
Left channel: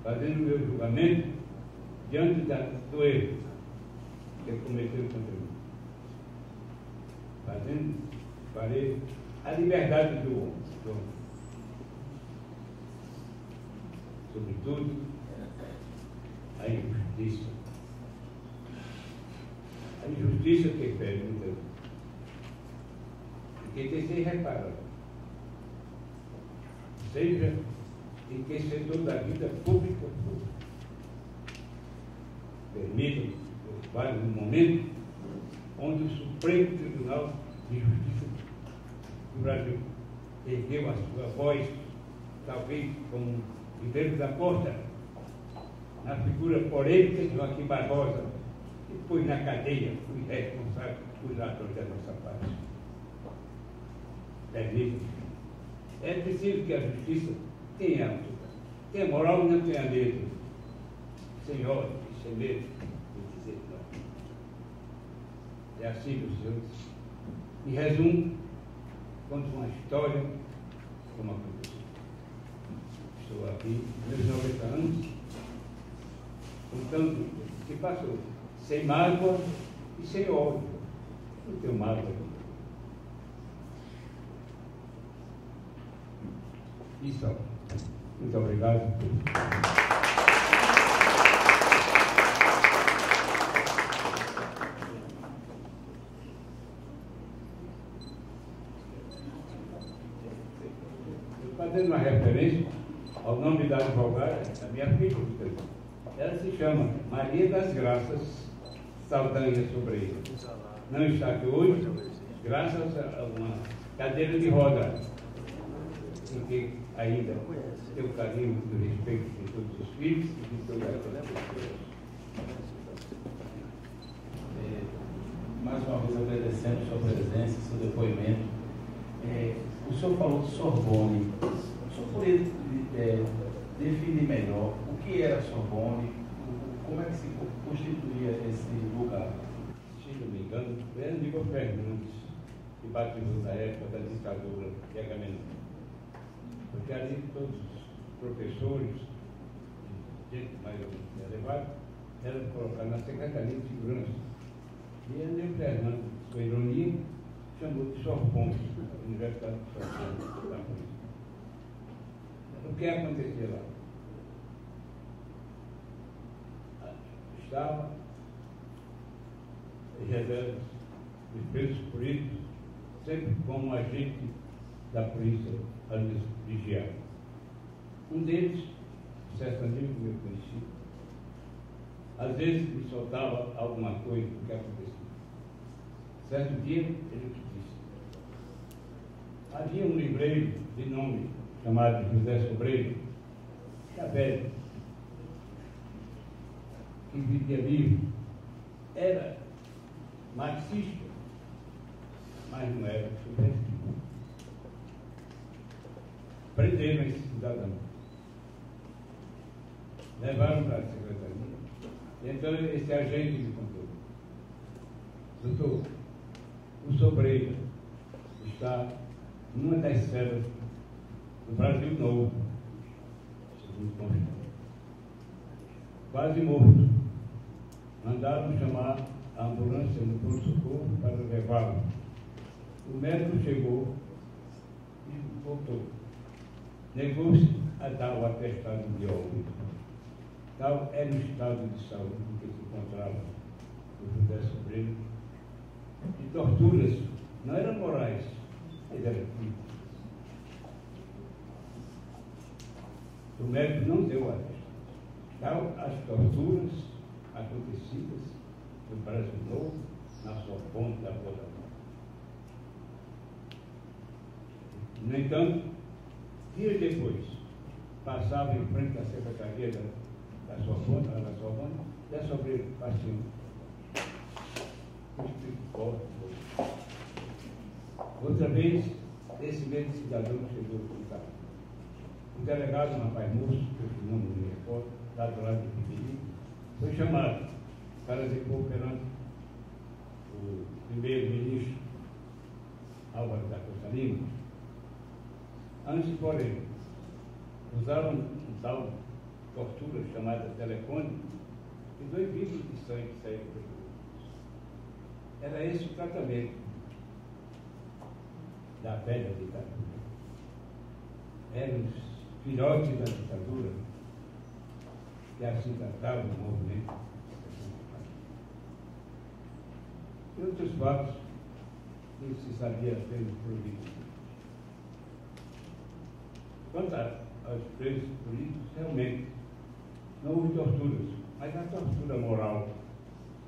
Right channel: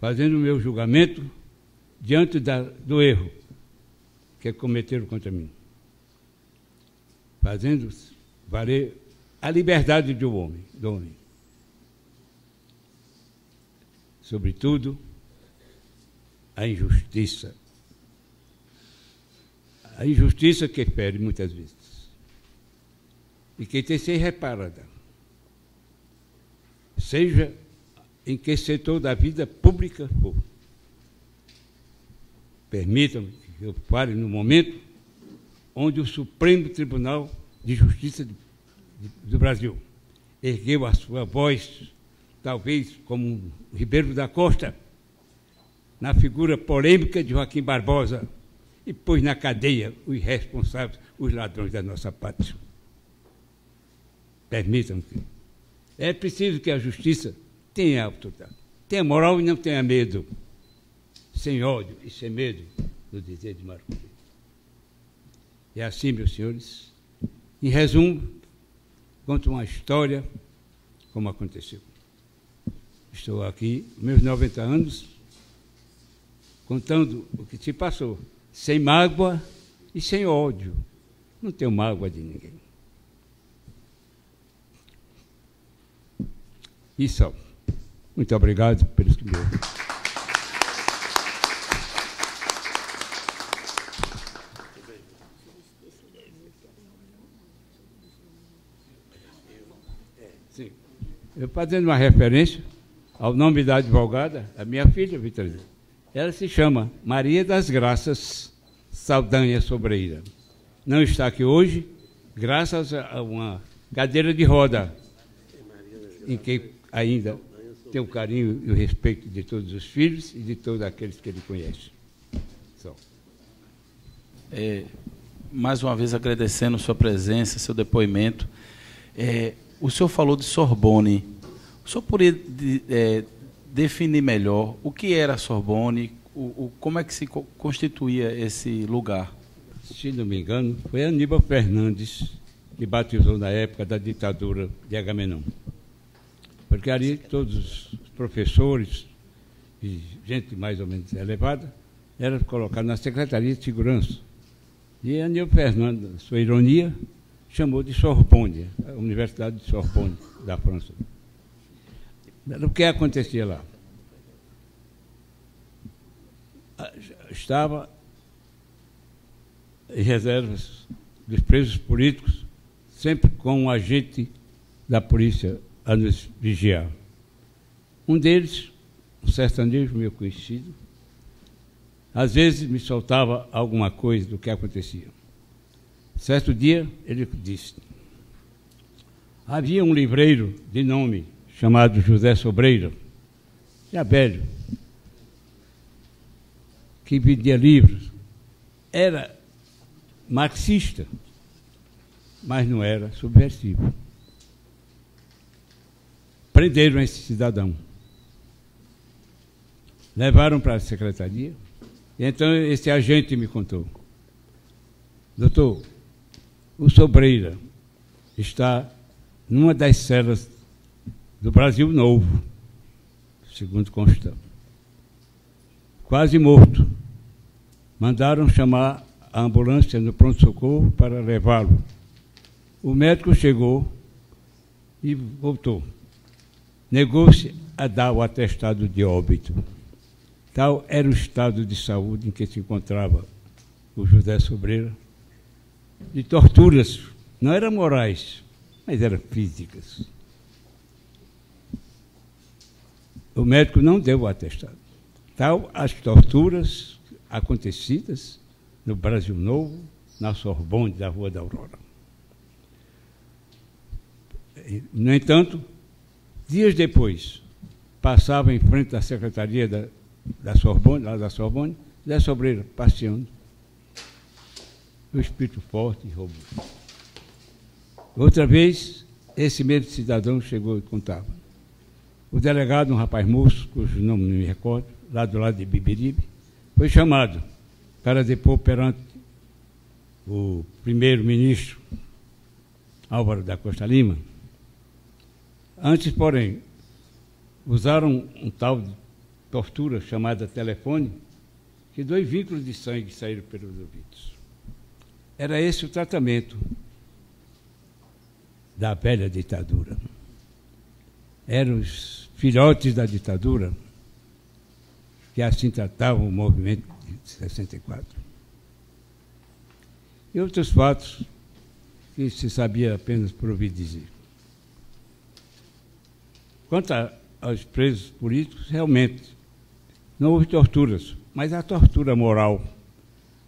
fazendo o meu julgamento diante do erro que cometeram contra mim, fazendo valer a liberdade do homem. Sobretudo, a injustiça. A injustiça que fere muitas vezes e que tem que ser reparada, seja em que setor da vida pública for. Permitam que eu fale no momento onde o Supremo Tribunal de Justiça do Brasil ergueu a sua voz, talvez como Ribeiro da Costa, na figura polêmica de Joaquim Barbosa, e pôs na cadeia os responsáveis, os ladrões da nossa pátria. Permitam-me. É preciso que a justiça tenha autoridade, tenha moral e não tenha medo, sem ódio e sem medo do dizer de Marco. É assim, meus senhores. Em resumo, conto uma história como aconteceu. Estou aqui, meus 90 anos, contando o que se passou, sem mágoa e sem ódio. Não tenho mágoa de ninguém. E só. Muito obrigado pelo que me ouviram. Eu fazendo uma referência ao nome da advogada, a minha filha, Vitorino. Ela se chama Maria das Graças Saldanha Sobreira. Não está aqui hoje, graças a uma cadeira de roda, em que ainda tem o carinho e o respeito de todos os filhos e de todos aqueles que ele conhece. Mais uma vez agradecendo sua presença, seu depoimento. O senhor falou de Sorbonne. O senhor poderia definir melhor o que era a Sorbonne, como é que se constituía esse lugar? Se não me engano, foi Aníbal Fernandes que batizou na época da ditadura de Agamenon. Porque ali todos os professores e gente mais ou menos elevada eram colocados na Secretaria de Segurança. E Aníbal Fernandes, sua ironia, chamou de Sorbonne, a Universidade de Sorbonne, da França. O que acontecia lá? Estava em reservas dos presos políticos, sempre com um agente da polícia a nos vigiar. Um deles, um sertanejo meu conhecido, às vezes me soltava alguma coisa do que acontecia. Certo dia, ele disse, havia um livreiro de nome chamado José Sobreira, já velho, que vendia livros, era marxista, mas não era subversivo. Prenderam esse cidadão, levaram para a secretaria, e então esse agente me contou, doutor, o Sobreira está numa das celas do Brasil Novo, segundo consta, quase morto. Mandaram chamar a ambulância no pronto-socorro para levá-lo. O médico chegou e voltou. Negou-se a dar o atestado de óbito. Tal era o estado de saúde em que se encontrava o José Sobreira, de torturas, não eram morais, mas eram físicas. O médico não deu o atestado. Tal as torturas acontecidas no Brasil Novo, na Sorbonne da Rua da Aurora. No entanto, dias depois, passava em frente à secretaria da Sorbonne, lá da Sorbonne, Zé Sobreira passeando, o espírito forte, roubo. Outra vez, esse mesmo cidadão chegou e contava. O delegado, um rapaz moço, cujo nome não me recordo, lá do lado de Bibiribe, foi chamado para depor perante o primeiro-ministro Álvaro da Costa Lima. Antes, porém, usaram um tal de tortura chamada telefone, que 2 vínculos de sangue saíram pelos ouvidos. Era esse o tratamento da velha ditadura. Eram os filhotes da ditadura que assim tratavam o movimento de 64. E outros fatos que se sabia apenas por ouvir dizer. Quanto aos presos políticos, realmente, não houve torturas, mas a tortura moral,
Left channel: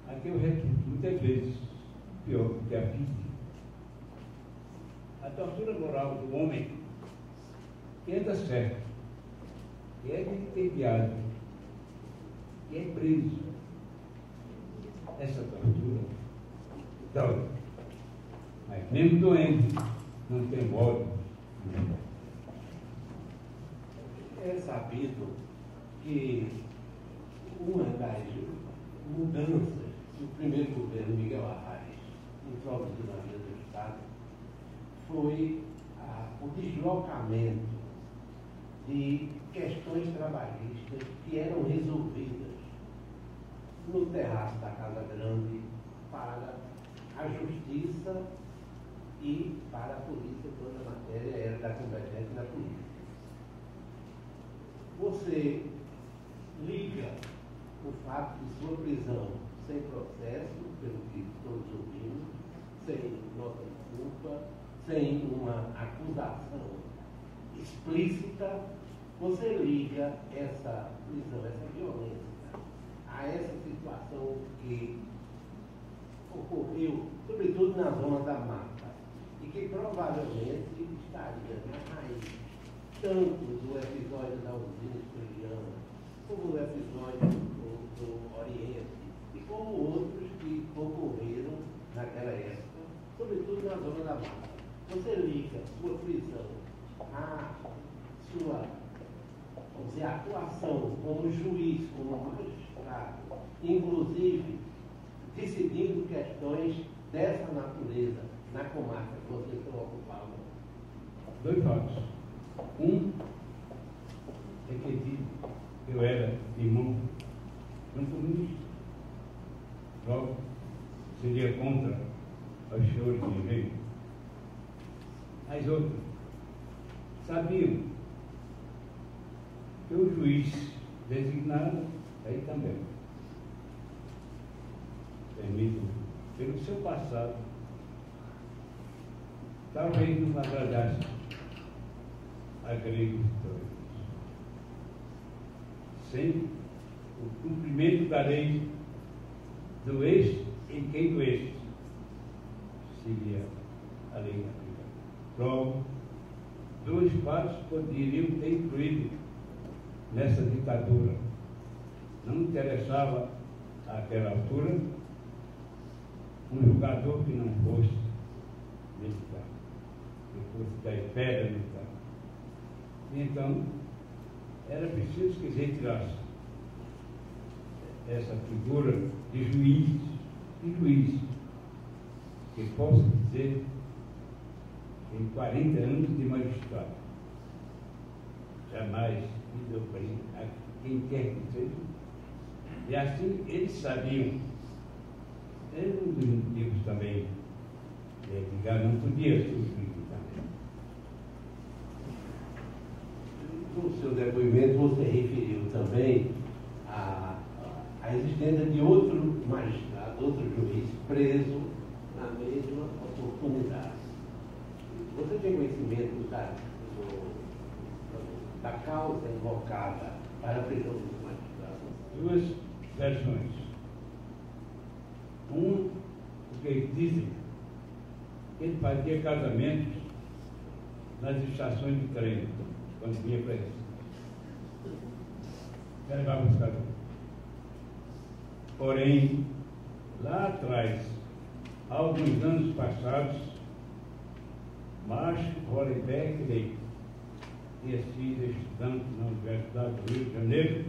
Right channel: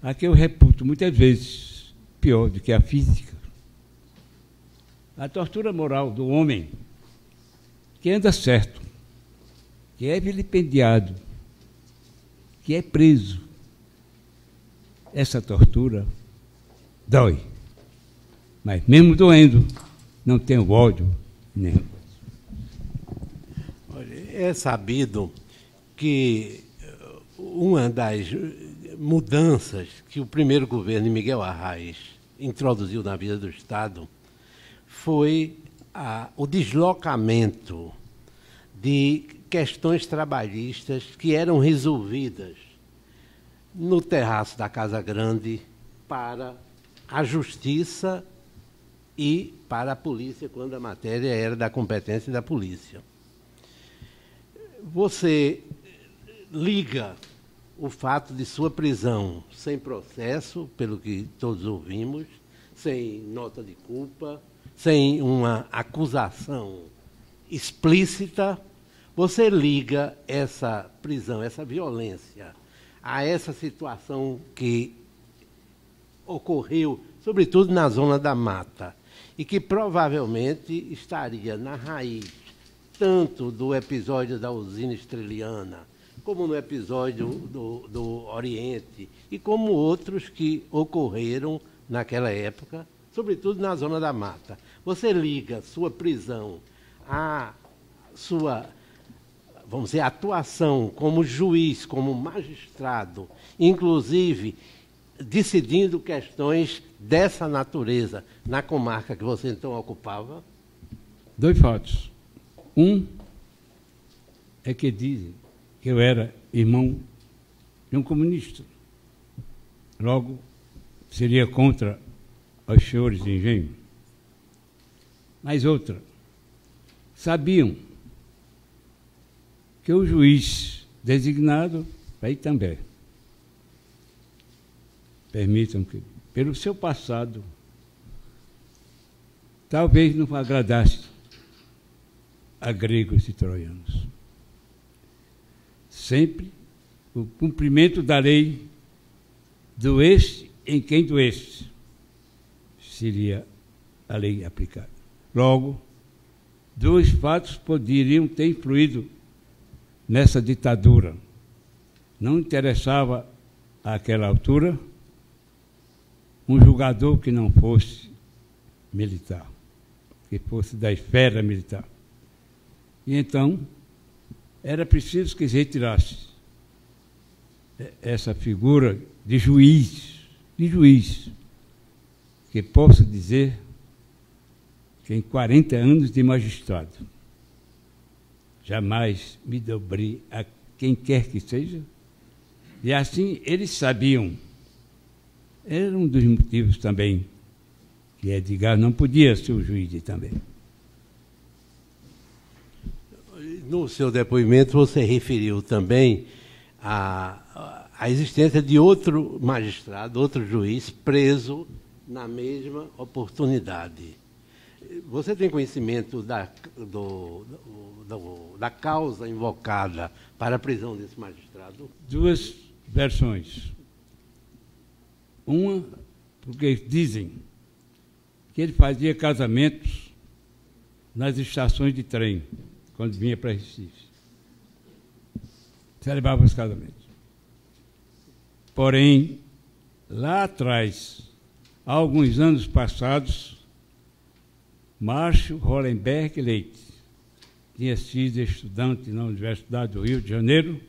a que eu reputo muitas vezes pior do que a física. A tortura moral do homem que anda certo, que é vilipendiado, que é preso. Essa tortura dói, mas mesmo doendo, não tenho ódio nenhum. É sabido que uma das mudanças que o primeiro governo de Miguel Arraes introduziu na vida do Estado foi o deslocamento de questões trabalhistas que eram resolvidas no terraço da Casa Grande para a Justiça e para a Polícia, quando a matéria era da competência da Polícia. Você liga o fato de sua prisão sem processo, pelo que todos ouvimos, sem nota de culpa, sem uma acusação explícita, você liga essa prisão, essa violência, a essa situação que ocorreu, sobretudo na zona da Mata, e que provavelmente estaria na raiz tanto do episódio da usina Estreliana, como no episódio do Oriente, e como outros que ocorreram naquela época, sobretudo na zona da Mata. Você liga sua prisão à sua, vamos dizer, atuação como juiz, como magistrado, inclusive decidindo questões dessa natureza na comarca que você então ocupava? 2 fatos. Um é que dizem que eu era irmão de um comunista. Logo, seria contra os senhores de engenho. Mas outra, sabiam que o juiz designado, aí também, permitam que, pelo seu passado, talvez não agradasse a gregos e troianos. Sempre o cumprimento da lei doeste em quem doeste seria a lei aplicada. Logo, 2 fatos poderiam ter influído nessa ditadura. Não interessava, àquela altura, um julgador que não fosse militar, que fosse da esfera militar. E então, era preciso que se retirasse essa figura de juiz, que posso dizer que em 40 anos de magistrado, jamais me dobrei a quem quer que seja, e assim eles sabiam. Era um dos motivos também que Edgar não podia ser o juiz também. No seu depoimento, você referiu também a existência de outro magistrado, outro juiz, preso na mesma oportunidade. Você tem conhecimento da causa invocada para a prisão desse magistrado? 2 versões. Uma, porque dizem que ele fazia casamentos nas estações de trem, quando vinha para Recife. Celebrava os casamentos. Porém, lá atrás, há alguns anos passados, Márcio Hollenberg Leite tinha sido estudante na Universidade do Rio de Janeiro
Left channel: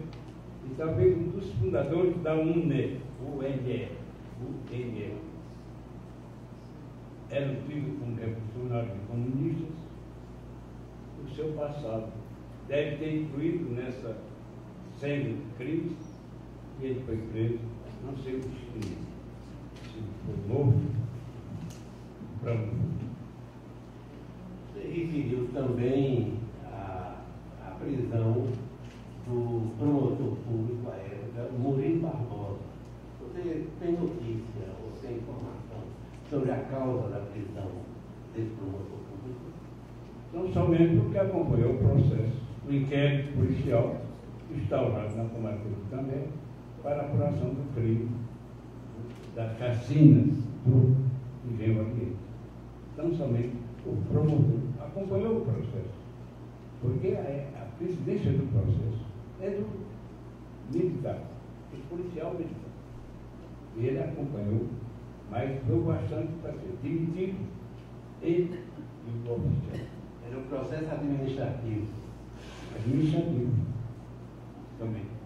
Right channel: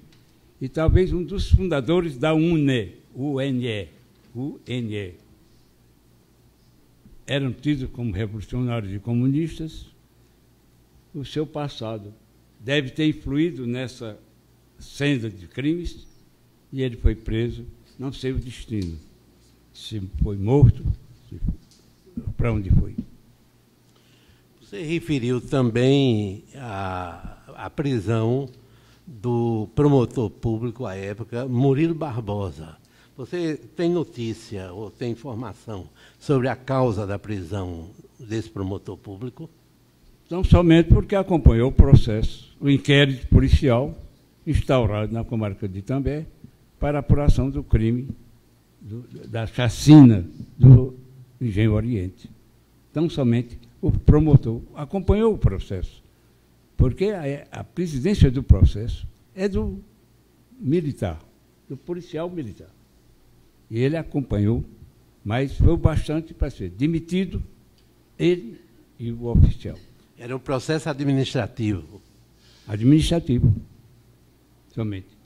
e talvez um dos fundadores da UNE. eram tidos como revolucionários e comunistas, o seu passado deve ter influído nessa senda de crimes e ele foi preso, não sei o destino, se foi morto, para onde foi. Você referiu também a prisão do promotor público à época, Murilo Barbosa. Você tem notícia ou tem informação sobre a causa da prisão desse promotor público? Não somente porque acompanhou o processo, o inquérito policial instaurado na comarca de Itambé para a apuração do crime, da chacina do Engenho Oriente. Não somente o promotor acompanhou o processo, porque a presidência do processo é do militar, do policial militar. E ele acompanhou, mas foi bastante para ser demitido, ele e o oficial. Era um processo administrativo. Administrativo, somente.